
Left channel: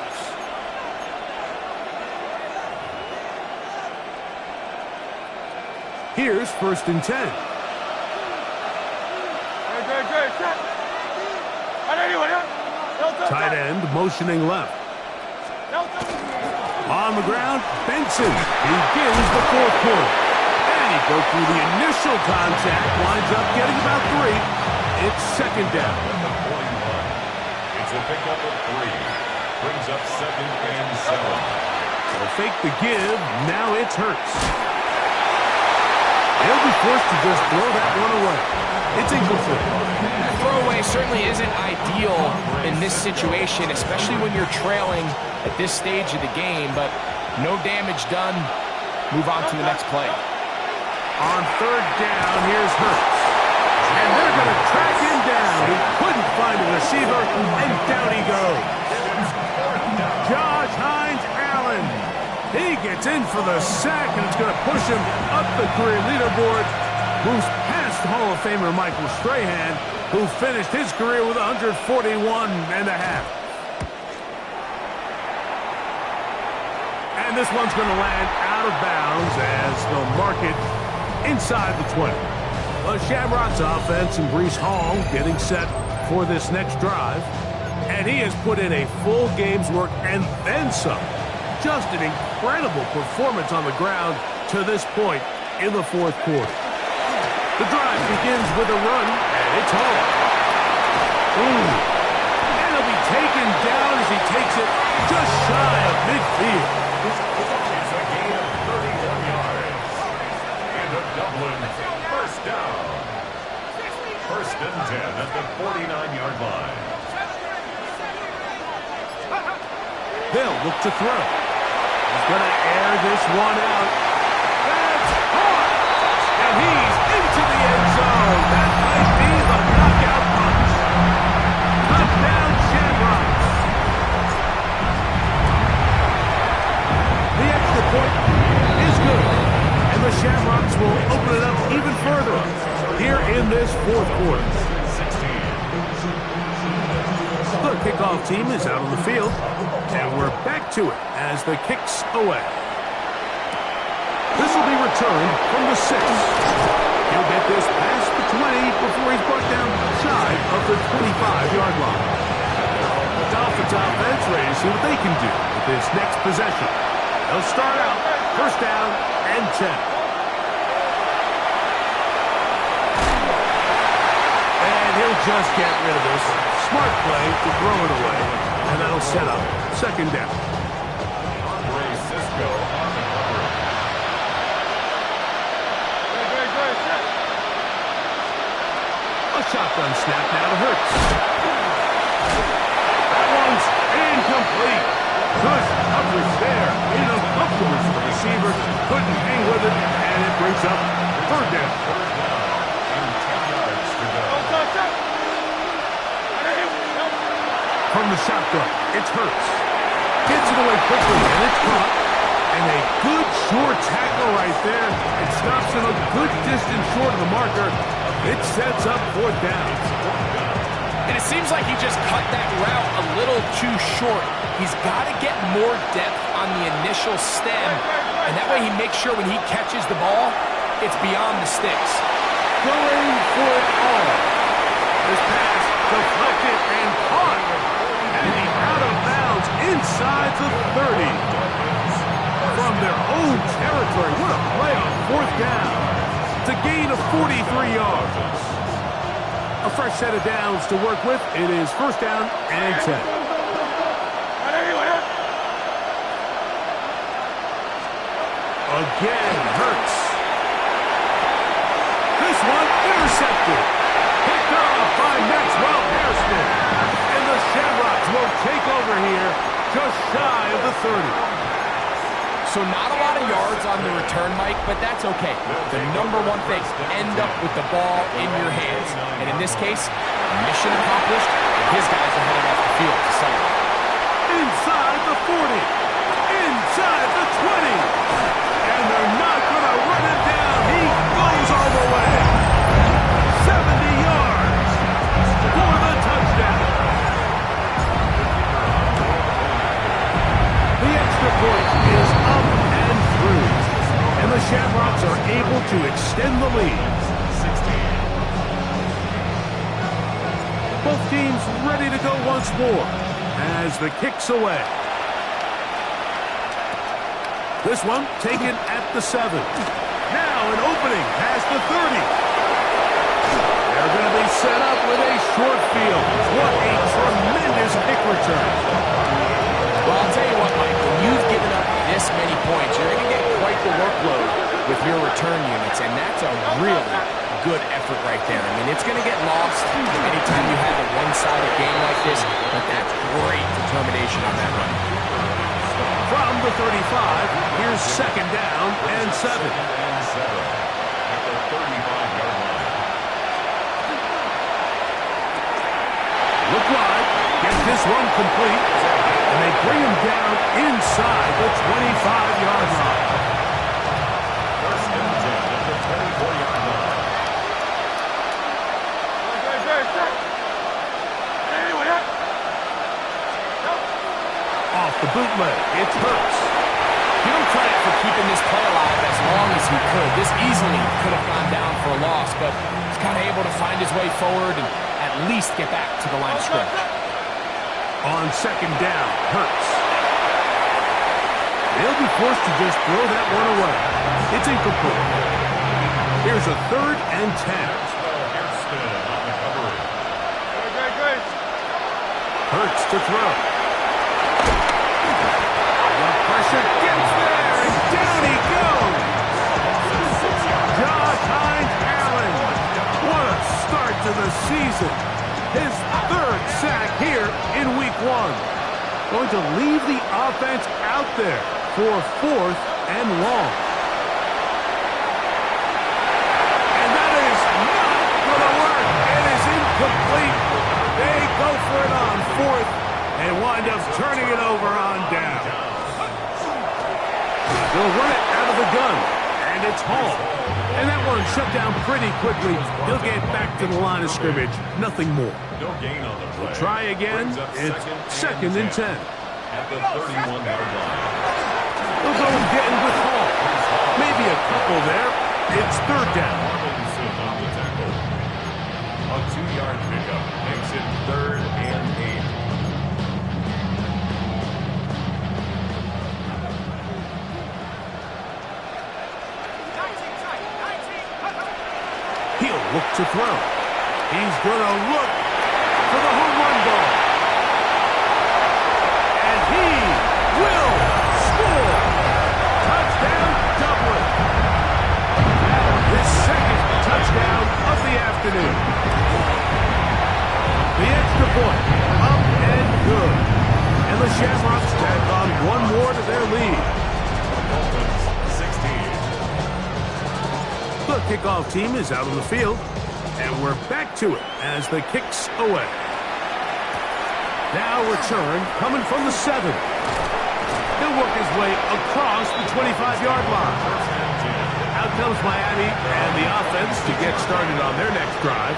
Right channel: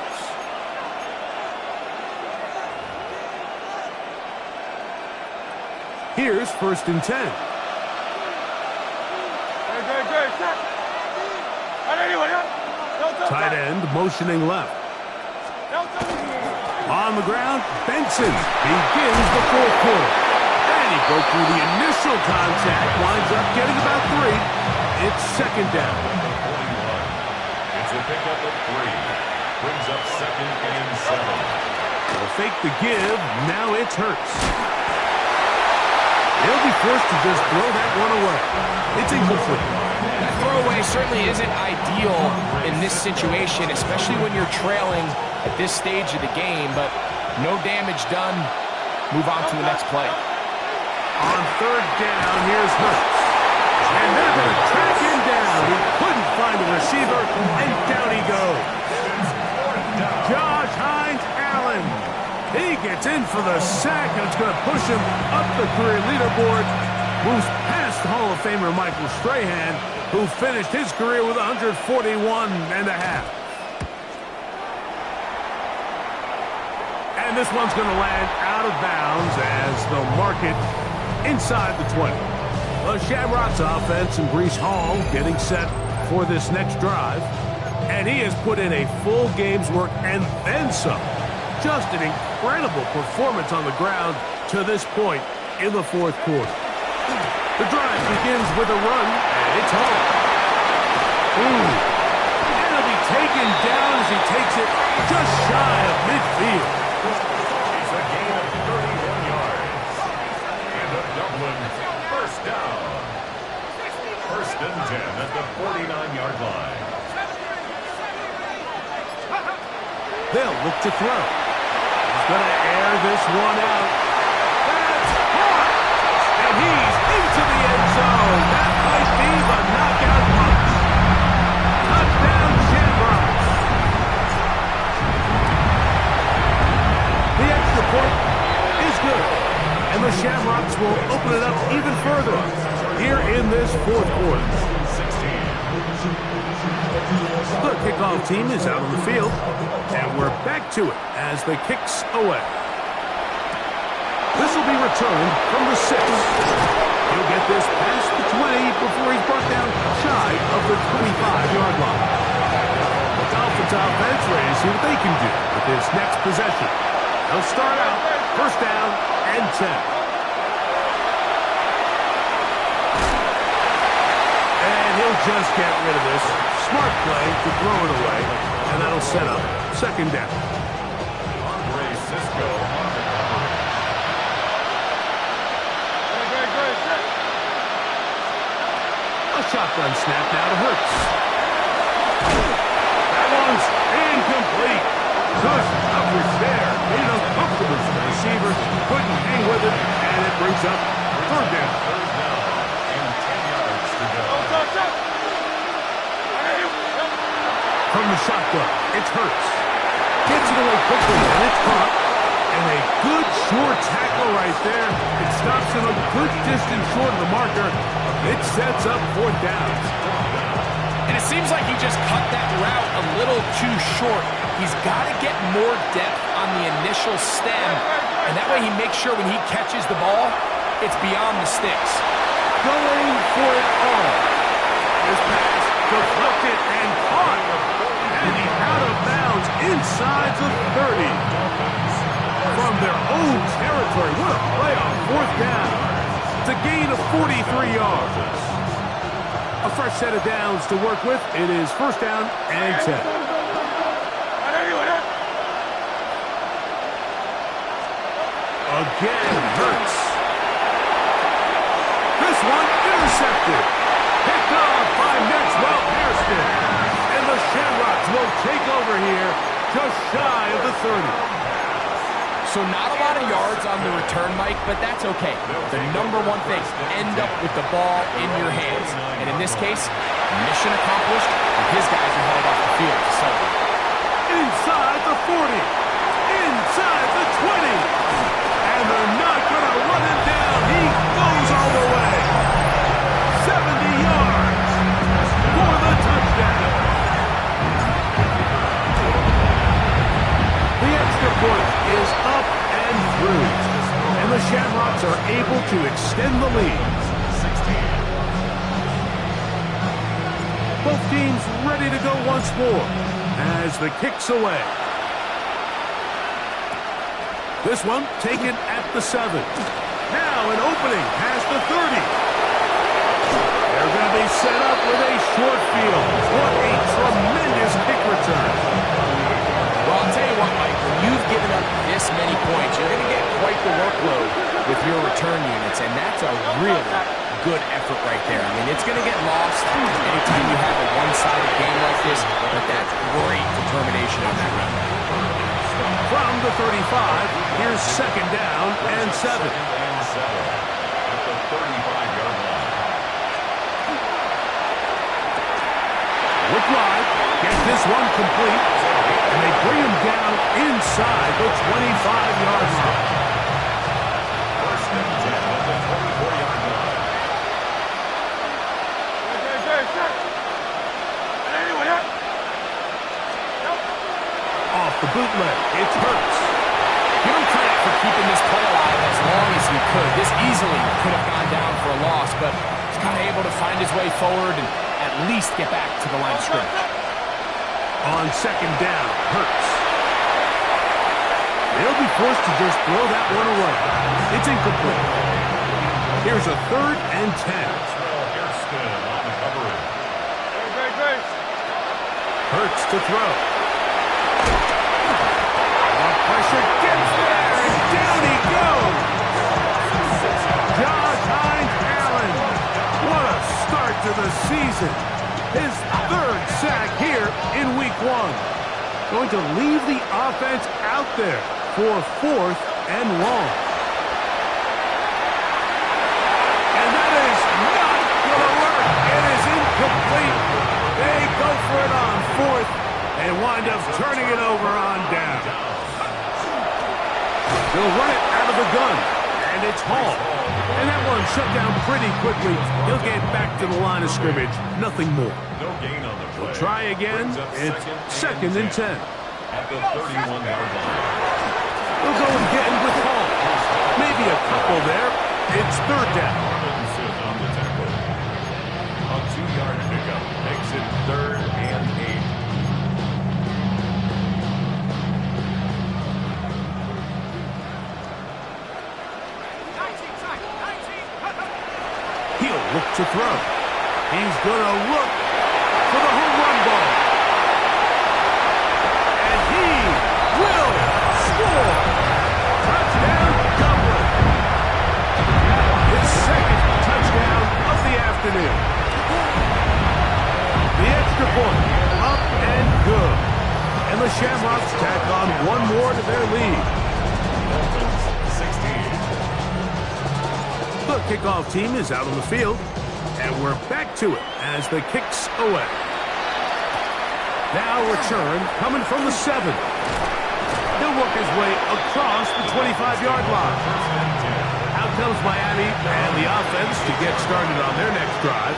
Here's 1st and 10. Tight end motioning left. On the ground, Benson begins the 4th quarter. And he broke through the initial contact, winds up getting about 3. It's 2nd down. At the 41. It's a pickup of 3. Brings up 2nd and 7. They'll fake the give. Now it's Hurts. He'll be forced to just throw that one away. It's incomplete. That throwaway certainly isn't ideal in this situation, especially when you're trailing at this stage of the game, but no damage done. Move on to the next play. On 3rd down, here's Hurts. And they're going to track him down. He couldn't find a receiver, and down he goes. Josh Hines-Allen. He gets in for the sack, and it's going to push him up the career leaderboard. Moves past Hall of Famer Michael Strahan, who finished his career with 141.5. And this one's going to land out of bounds as they'll mark it inside the 20. The Shamrocks offense and Breece Hall getting set for this next drive. And he has put in a full game's work and then some. Just an incredible performance on the ground to this point in the 4th quarter. The drive begins with a run, and it's Hall. And he'll be taken down as he takes it just shy of midfield. It's a gain of 31 yards. And a Dublin 1st down. 1st and 10 at the 49-yard line. They'll look to throw. He's going to air this one out. That's hard. And he's into the end zone. That might be the knockout punch. Touchdown, Shamrocks. The extra point is good. And the Shamrocks will open it up even further here in this 4th quarter. The kickoff team is out on the field, and we're back to it as the kick's away. This will be returned from the 6. He'll get this past the 20 before he's brought down shy of the 25-yard line. The Dolphins offense ready to see what they can do with this next possession. They'll start out 1st down and 10. He'll just get rid of this. Smart play to throw it away, and that'll set up 2nd down. Andre Cisco on the coverage. A shotgun snap now to Hurts. That one's incomplete. Good coverage there. Made it uncomfortable for the receiver. Couldn't hang with it, and it brings up 3rd down. 3rd down and 10 yards to go. From the shotgun, it's Hurts. Gets it away quickly, and it's caught. And a good short tackle right there. It stops him a good distance short of the marker. It sets up 4th down. And it seems like he just cut that route a little too short. He's got to get more depth on the initial stem, and that way he makes sure when he catches the ball, it's beyond the sticks. Going for it all. This pass deflected and caught. And he's out of bounds inside the 30. From their own territory. What a play on 4th down. It's a gain of 43 yards. A fresh set of downs to work with. It is 1st down and 10. Again, Hurts. This one intercepted. Picked off by Maxwell Hairston. And the Shamrocks will take over here just shy of the 30. So not a lot of yards on the return, Mike, but that's okay. The number one thing, end up with the ball in your hands. And in this case, mission accomplished, and his guys are headed off the field to celebrate. Inside the 40. Inside the 20. And they're not going to run him down. He goes all the way. 70 yards for the touchdown. point is up and through. And the Shamrocks are able to extend the lead. 16. Both teams ready to go once more as the kick's away. This one taken at the 7. Now an opening past the 30. They're going to be set up with a short field. What a tremendous kick return. Well, I'll tell you what, Mike, when you've given up this many points, you're going to get quite the workload with your return units, and that's a really good effort right there. I mean, it's going to get lost anytime you have a one-sided game like this, but that's great determination on that run. From the 35, here's second down and 7. At the 35-yard line. Look wide, get this one complete, and they bring him down inside the 25-yard line. First and 10 at the 24-yard line. Off the bootleg, it's Hurts. Give him credit for keeping this play alive as long as he could. This easily could have gone down for a loss, but he's kind of able to find his way forward and at least get back to the line of scrimmage. On second down, Hurts. They'll be forced to just throw that one away. It's incomplete. Here's a third and 10. Hairston on the coverage. Hurts to throw. The pressure gets there, and down he goes. Josh Hines Allen. What a start to the season. His third sack here in week 1. Going to leave the offense out there for 4th and long. And that is not going to work. It is incomplete. They go for it on 4th and wind up turning it over on down. They'll run it out of the gun, and it's Hall. And that one shut down pretty quickly. He'll get back to the line of scrimmage. Nothing more. No gain on the play. We'll try again. It's second and 10. At the 31-yard line. They'll go again with Hall. Maybe a couple there. It's third down. Robinson on the tackle. A 2-yard pickup makes it 3rd and 8. He'll look to throw. He's going to look for the home run ball. And he will score. Touchdown, Dublin. His second touchdown of the afternoon. The extra point, up and good. And the Shamrocks tack on one more to their lead. Dolphins 16. The kickoff team is out on the field, and we're back to it as the kick's away. Now return coming from the 7. He'll work his way across the 25-yard line. Out comes Miami and the offense to get started on their next drive.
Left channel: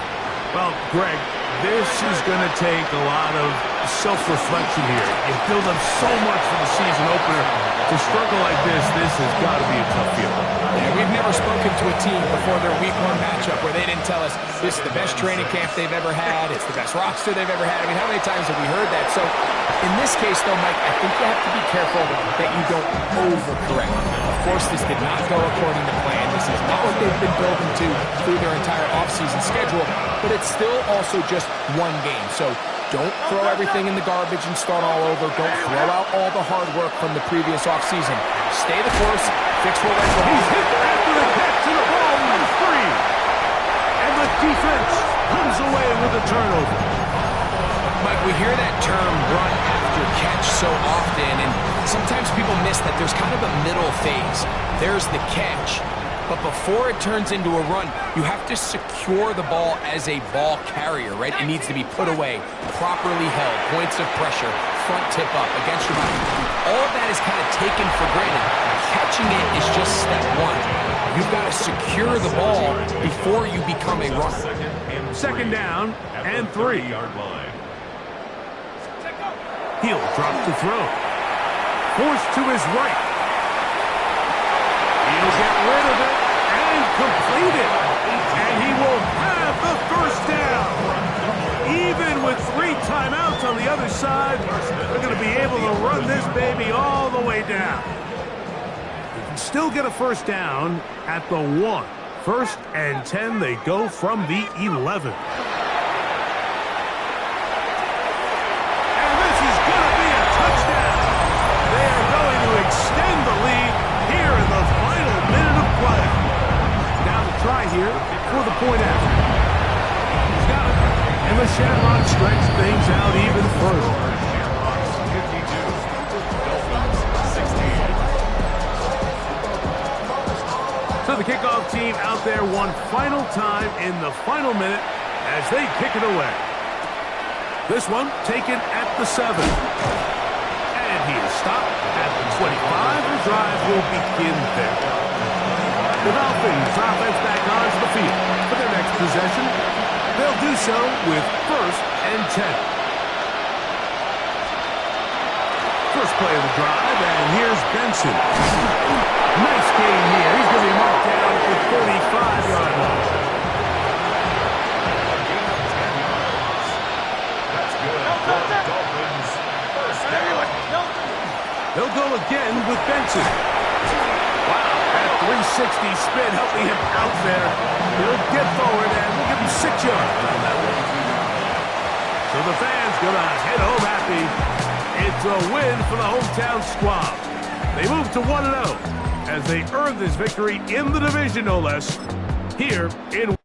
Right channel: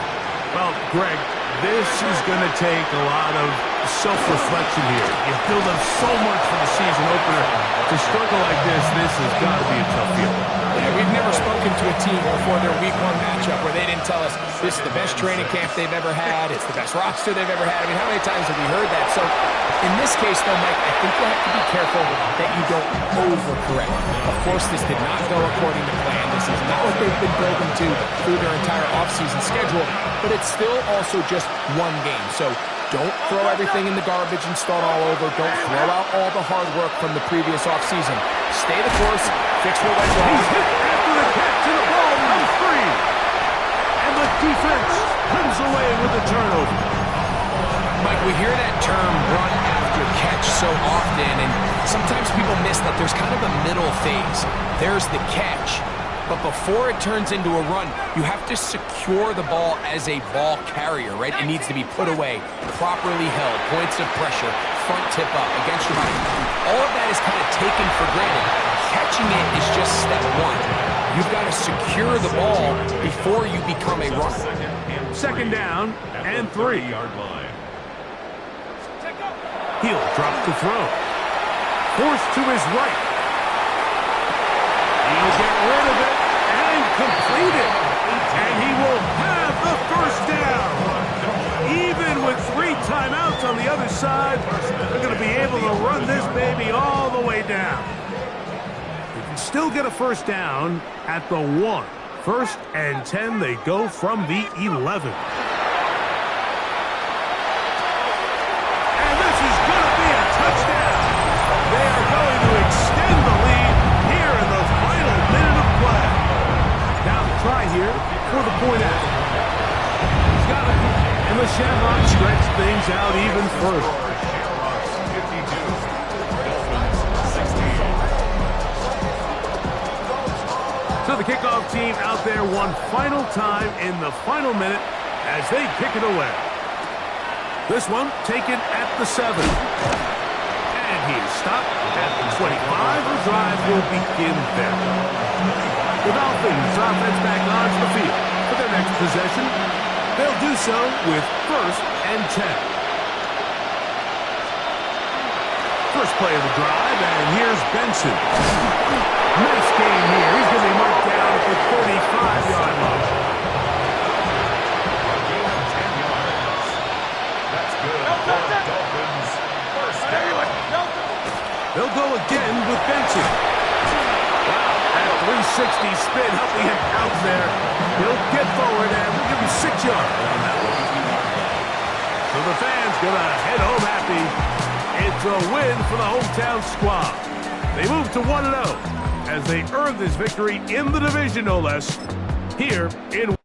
Well, Greg, this is going to take a lot of self-reflection here. You build up so much for the season opener. To struggle like this has got to be a tough feeling. Yeah, we've never spoken to a team before their week 1 matchup where they didn't tell us this is the best training camp they've ever had, it's the best roster they've ever had. I mean, how many times have we heard that? So in this case, though, Mike, I think you have to be careful that you don't overcorrect. Of course, this did not go according to plan. This is not what they've been building to through their entire offseason schedule, but it's still also just one game. So don't throw everything in the garbage and start all over. Don't throw out all the hard work from the previous offseason. Stay the course, fix what went wrong. He's hit after the catch, and the ball comes free. And the defense comes away with a turnover. Mike, we hear that term run after catch so often, and sometimes people miss that there's kind of a middle phase. There's the catch, but before it turns into a run, you have to secure the ball as a ball carrier, right? It needs to be put away, properly held, points of pressure, front tip up against your body. All of that is kind of taken for granted. Catching it is just step 1. You've got to secure the ball before you become a runner. Second down and 3. Yard line. He'll drop to throw. forced to his right. He'll get rid of it and complete it. And he will have the first down. Even with 3 timeouts on the other side, they're going to be able to run this baby all the way down. They can still get a first down at the 1. 1st and 10, they go from the 11. And this is going to be a touchdown. They are going to extend the lead here in the final minute of play. Now the try here for the point after. He's got it. And the Shamrocks stretch things out even further. Shamrocks 52, Dolphins 16. So the kickoff team out there one final time in the final minute as they kick it away. This one taken at the 7. And he is stopped at the 25. The drive will begin there. The Dolphins offense back onto the field for their next possession. They'll do so with 1st and 10. First play of the drive, and here's Benson. Nice game here. He's going to be marked down at the 35-yard line. A gain of 10 yards. That's good for the Dolphins. First down. They'll go again with Benson. Wow, that 360 spin helping him out there. He'll get forward, and we'll give him 6 yards on that one. So the fans going to head home happy. It's a win for the hometown squad. They move to 1-0 as they earn this victory in the division, no less, here in